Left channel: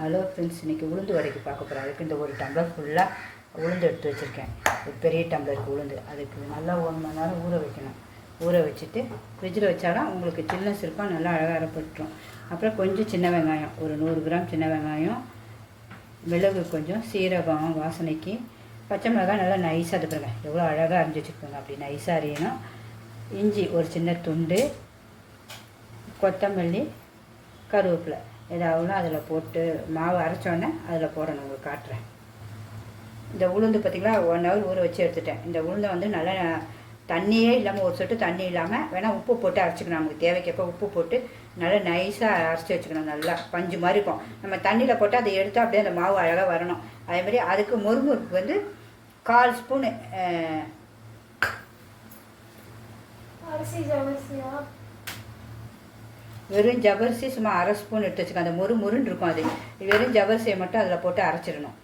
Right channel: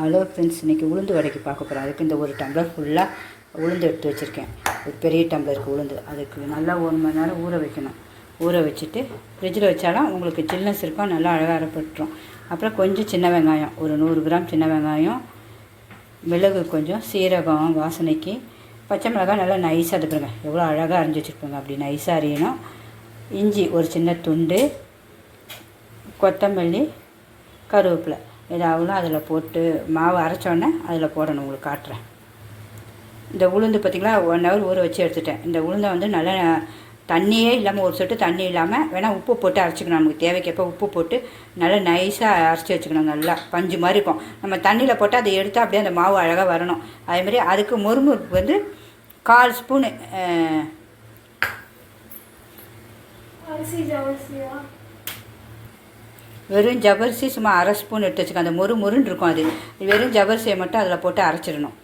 Hello friends, இன்றைக்கி உளுந்து வடைக்கு பார்க்க போகிறோம். அதுக்கு இந்த ஒரு டம்ளர் ஃபுல்லாக உளுந்து எடுத்து வச்சுருக்கேன். ஒரு பெரிய டம்ளருக்கு உளுந்து. அதுக்கு நல்லா 1 மணி நேரம் ஊற வைக்கணும். ஊற வச்சுட்டு ஃப்ரிட்ஜில் வச்சாலும் உங்களுக்கு சில்னஸ் இருக்கும், நல்லா அழகாக அரைப்பட்டுரும். அப்புறம் கொஞ்சம் சின்ன வெங்காயம், ஒரு 100 கிராம் சின்ன வெங்காயம், மிளகு கொஞ்சம், சீரகம் வாசனைக்கு, பச்சை மிளகாய் நல்லா நைஸாக எடுத்துருங்க. எவ்வளோ அழகாக அரைஞ்சி வச்சுருப்பாங்க, அப்படி நைஸாக அரியணும். இஞ்சி ஒரு சின்ன துண்டு, கொத்தமல்லி, கருவேப்பிலை இதாகலாம் அதில் போட்டு மாவு அரைச்சோன்னே அதில் போடணும். உங்களுக்கு காட்டுறேன். இந்த உளுந்து பார்த்திங்களா 1 ஹவர் ஊற வச்சு எடுத்துட்டேன். இந்த உளுந்தை வந்து நல்லா தண்ணியே இல்லாமல், ஒரு சொட்டு தண்ணி இல்லாமல் வேணால் உப்பு போட்டு அரைச்சிக்கணும். நமக்கு தேவைக்கப்போ உப்பு போட்டு நல்லா நைஸாக அரைச்சி வச்சுக்கணும். நல்லா பஞ்சு மாதிரி இருக்கும். நம்ம தண்ணியில் போட்டு அதை எடுத்து அப்படியே அந்த மாவு அழகாக வரணும். அதேமாதிரி அதுக்கு முறுமுறுப்பு வந்து 1/4 ஸ்பூனு வெறும் ஜவ்வரிசி சும்மா 1/2 ஸ்பூன் எடுத்து வச்சுக்கோங்க. அந்த முறுன்னு இருக்கும். அது வெறும் ஜவ்வரிசியை மட்டும் அதில் போட்டு அரைச்சிடணும்.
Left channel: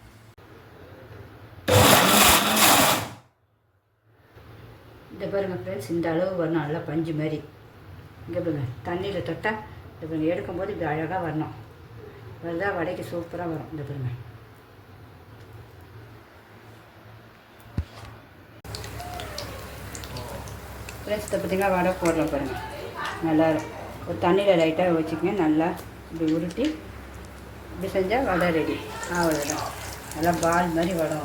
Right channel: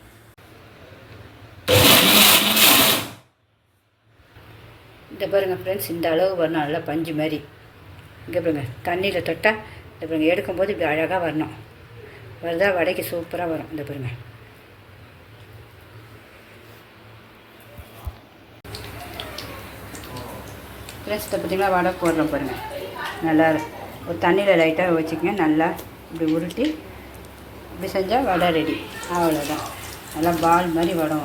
இந்த பாருங்கள் ஃப்ரெண்ட்ஸ், இந்த அளவு வரணும். நல்லா பஞ்சு மாதிரி. இங்கே பாருங்கள், தண்ணியில் தொட்டால் இந்த பாருங்கள் எடுக்கும்போது இப்படி அழகாக வரணும். வருதா? வடைக்கு சூப்பராக வரும். இந்த பாருங்கள். ஃப்ரெண்ட்ஸ், இதை பார்த்திங்கன்னா வடை போடுறோம் பாருங்கள். நல்லா ஒரு தண்ணியில் லைட்டாக வச்சுக்கங்க. நல்லா இப்படி உருட்டி இப்படி செஞ்சால் வடை ரெடி. அவ்வளோதான். நல்லா பால் மாதிரி வடை.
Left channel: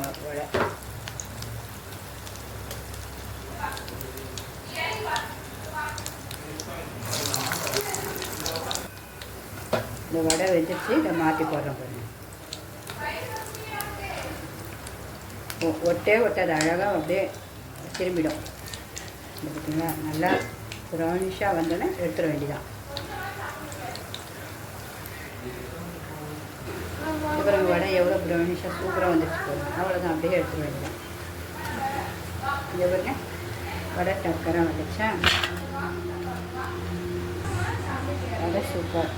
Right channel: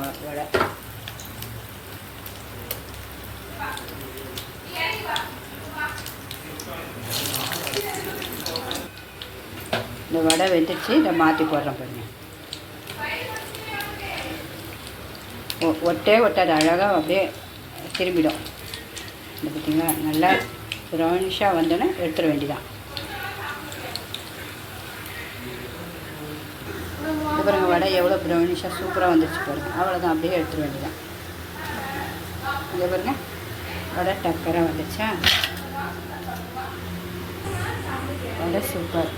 இந்த வடை வெந்துச்சு. இதை மாற்றி போடுறோம் பாருங்கள். ஒட்டாது, அழகாக அப்படியே திரும்பிடும். இது பார்த்திங்களா, நல்லா ப்ரௌனிஷாக வந்தோன்னே எடுத்துட வேண்டியதான். அப்புறம் வடை எவ்வளோ ப்ரௌனிஷாக சூப்பராக வந்துடுச்சு பாருங்கள். அவ்வளோதான், அப்படியே எடுத்துட வேண்டியதான். இங்கே பாருங்கள், வடை டக்கராக வந்துடுச்சா? வடை சூப்பர்.